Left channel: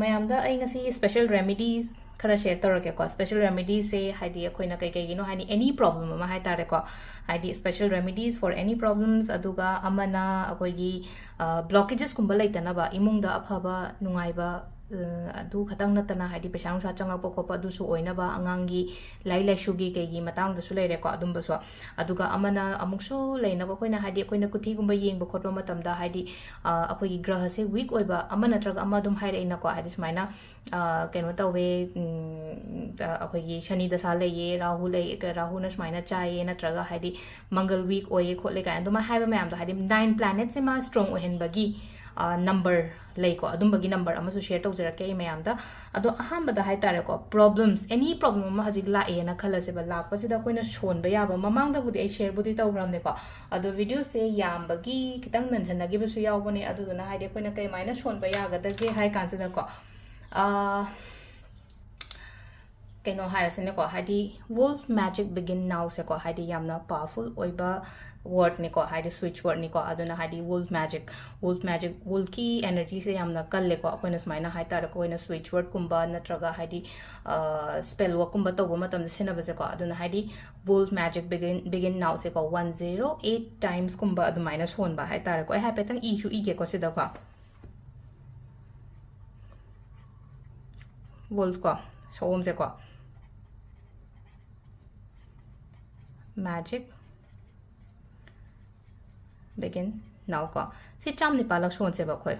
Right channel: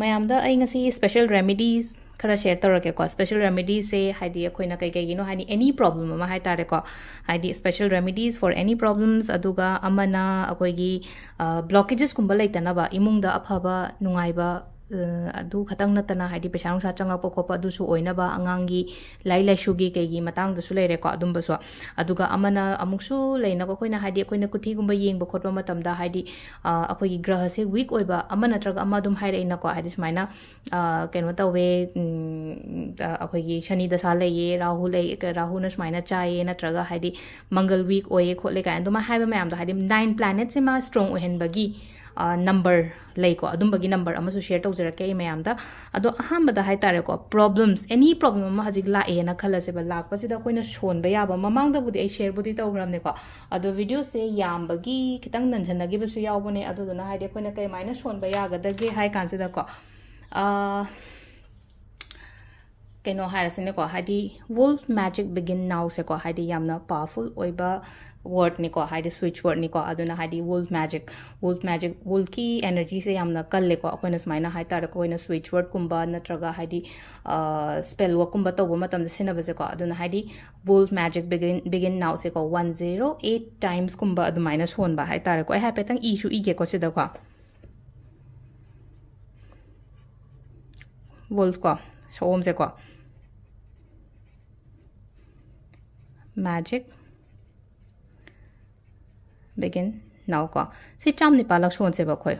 mayamda ay ngasi special remedies khara share torake ko special remedies se haidi akoina kai kai gino hani any problem ma hai tare ko haidi special remedies for any problems aduga amana akoigi blockages kumba leitanaba imungda aphaba nungaiba adu khatang natana haidi pesa nungsa changakpa khopa du su oinaba angangi lai lai shugi kaigi matang da su leire ko adumba so aduga amana amuksu leinaba koina haidi koina kuthi gumba yengba khotba matamda haidi akoigi graha se weak oiba amana traga amadum haire ina ko haidi sumaina keno tawe akoigi shani da sa leye rahu na sumaina chaye natraga haidi mangal weak oye khotle ka anduma haiba mayam da haidi 9 planets ma strong ohenbagi number laiko adumbagi number amasu share tawjarake mayamda ado ahambada haitare ko problems any problem ma hajik la e na khala se ba lakpa sida koina shon ba yaba mamangda budi ai share budi tawgramne ko ado video se yambagi kitang nanjanagi basu yawbone ado na haide koina kai maina shon ba yaga dage hai kansida ko keno harasine ko hadi wolf magic begin now se ko hadi yamna powerful oiba word ni ko hadi switch word ni ko aduna hadi wolf magic wolf ki energy se yamna kalle ko akoina smaina hai tar ko ina switch word kumba natraga hadi spell work kumba to matam sina base ko aduna hadi wolf magic begin now se ko 108 times kumba adu minus 1 ba hai tar ko ai ha petang issue ige ko sida ko wolf ko so om se ko magic begin now ko si cham ni palak shon se ba khoi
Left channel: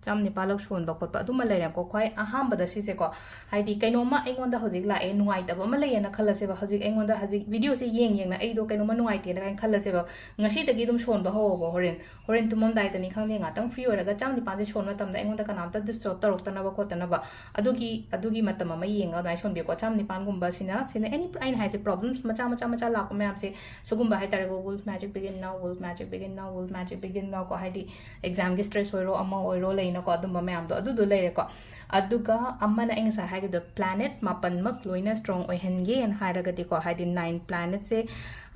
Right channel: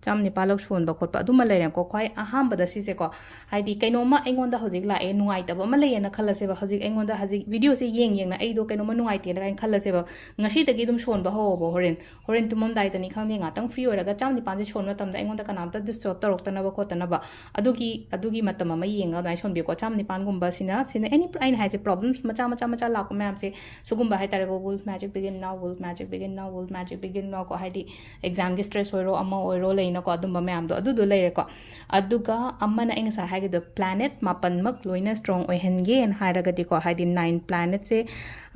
cham ni palak shon ba khot pa aduma leira ko khoi aham bada si se ko haidi kaino ma aingon da hojik la e nuai ta ba ma leya na khala se ba hojik aingon da hojik video se yeng na ai do kaino ma nuai te la kain khala se ba ngashi ta gi dum shon ba ho ba horen tumom dai ta ni khang ni nga tang free ora ga cham ni pan se shon ma tam da aingon da kanam ta disturb ta rok ta na ba khot ta na ba adugi matam ma yeng ga nai shon be ko cham ni pan gum ba sina any ain ha se problems macha la ko ma am se sugum ba hai ta go wolf magic begin now wolf magic begin now ko haidi exam gi stress oiro amma oiro leina ko adum ba ma am do adu do leire ko aduga amma na inga sa ha ge the planet mapan mak loina strong oihenge en hairaga di ko haidi 9 planet se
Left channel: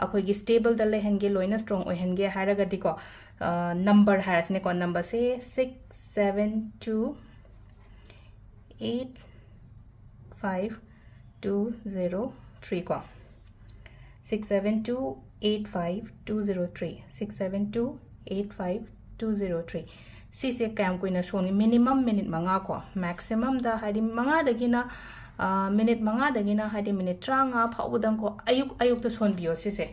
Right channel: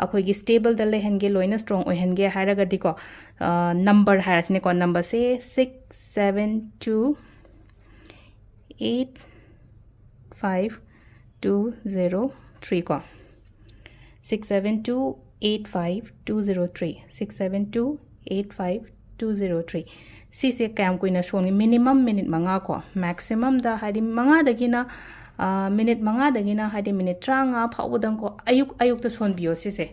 akhoi gi stable da lehenge loina strong oihenge hairaga di ko number harasne ko number se 6 7 2 8 5 2 0 3 ko 67285 203 si se kam kuina shoni minimum minute manga ko maximum da hadi manga dagina minute manga dagina hadi minute tranga phawdang ko ayuk ta son bio si se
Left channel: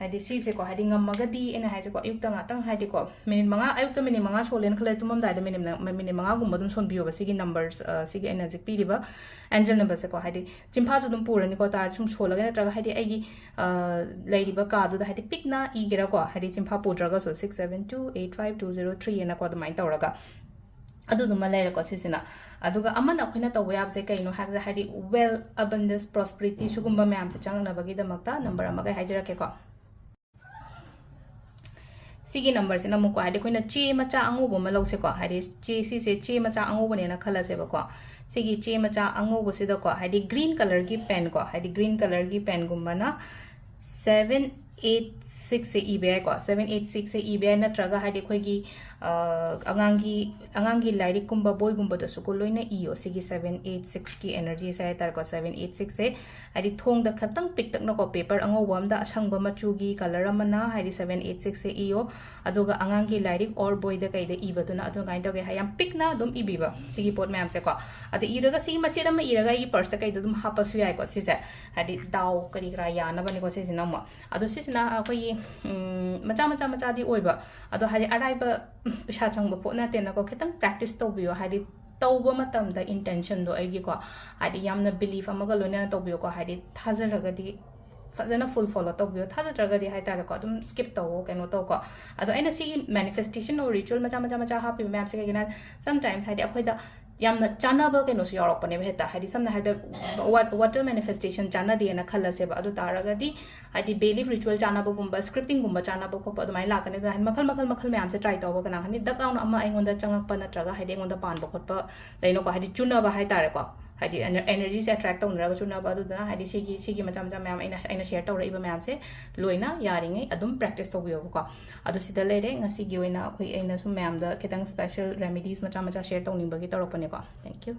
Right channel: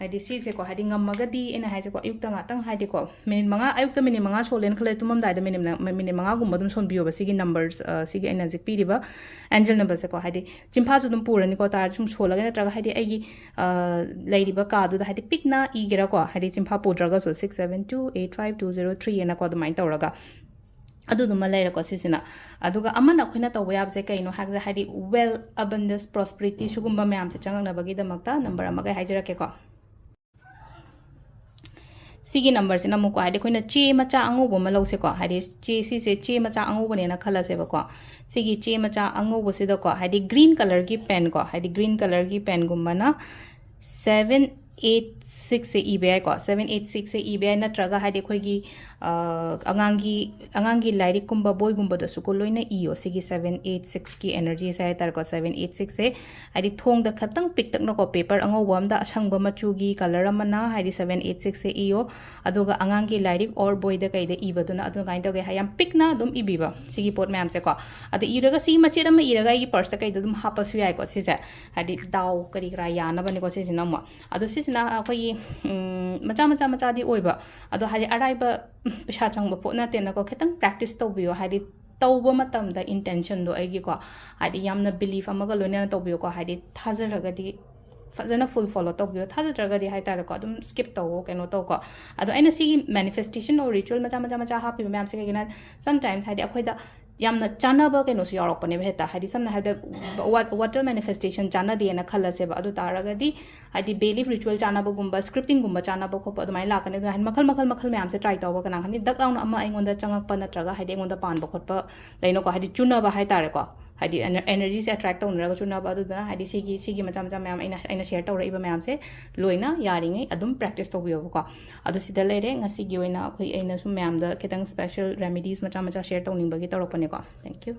hadi si se ko hadi ngamagadi ena haje ko ayuk ta ngatang hadi ko minute manga ayuk ta minute manga solen khale tumam da minute manga gum badum son bio ba sigi numbers sigi ena zik pi diba angel number se ko hadi chimpha su dum purani ko tar sum sola ga traga hadi aigi lady ba ka du da hadi pikna igera ko hadi chimpha pudraga so 67285 ena ko dumai tawraga adu duma leira ko sisina aduga amana khoina to web se kaino hakza hadi well abundance prosperity sugumba mayam se changna bagi da makta number amaga hajira ke ko sigi number se namu ko hadi khoina che macha angu bo malo se ko hadi che si se che macha angu bone na khala se ba ko sigi che macha angu bo se da ko hadi green color ki pen ko hadi green color ki pen gumana 786 se ebi ko 786 se ebi natraga hadi khoi gi angangi Lairik kumba boy gumba da su ko loina iyo sigi 786 ki energy sai tar ko 786 se hadi thong da khatang pik tak no ko paper ango wam da asang ba machu gi color amana hadi 786 se iyo aduga angangi Lairik or boy da kai da iba duna adu gain to ge hayam pik na dum ibiba sigi pot ma'am se ko adu iraga si machi da ma iraga i purse kai dum hapasu yai ko si se hadi daw kari gra yana bani ko si sinama adu si sina akoi macha di oiba adu hadi arai ba pesa changba po na te na ko ketang practice to biyo hadi tawba matam da intention do aigi ko hadi yamna belief amaga loina to biyo ko hadi thazaraga di fazana full follow to biyo thazaraga di hai tar ko dum skip to keno to ko ado aina si manifestation or ritual macha happy ma'am se gina sometimes hadi akhoi da yamna chanaba keno su yorok pane bheta hadi samna hada water manifestation chana di na khala se ba adu taraga di hadi belief ritual chanaba gumba scripting gumba chanaba ko pa adumai lakane do han makhal ma'am se try to ba kana hani dak launa amma aingon da changak pa natraga hadi aingon da pan ba khot pa leino ko hadi chuna ba hai tare ko ꯍꯥꯏꯗꯤ ꯑꯦꯅꯔꯖꯤꯁꯦ attract ꯇꯧꯅꯔꯒꯁꯨ ꯅꯕ ꯑꯗꯨꯗꯨꯅ ꯍꯥꯏꯗꯤ ꯁꯤꯒꯤ ꯃꯆꯥ ꯃꯆꯥ ꯃꯌꯥꯝ ꯑꯩꯅ share ꯇꯧꯔꯛꯏꯕ ꯃꯌꯥꯝꯁꯦ ꯂꯣꯏꯅ ꯌꯥꯔꯤꯉꯩ ꯑꯗꯨꯝ ꯄ꯭ꯔꯦꯛꯇꯤꯁ ꯇꯧꯕꯤꯌꯣꯕꯀꯣ ꯑꯗꯣ ꯁꯤꯗ ꯂꯩꯔꯦ ꯉꯁꯤꯒꯤ ꯑꯣꯏꯅ ꯑꯩꯅꯁꯨ ꯃꯌꯥꯝꯗ ꯈꯤꯇꯪ ꯁ꯭ꯄꯦꯁꯦꯜ ꯔꯦꯃꯤꯗꯤꯁ ꯃꯆꯥ ꯃꯆꯥ ꯁꯦꯌꯔ ꯇꯧꯅꯤꯡꯕꯒꯤ ꯇꯧꯔꯛꯄꯅꯦꯀꯣ ꯊꯦꯡꯛ ꯌꯨ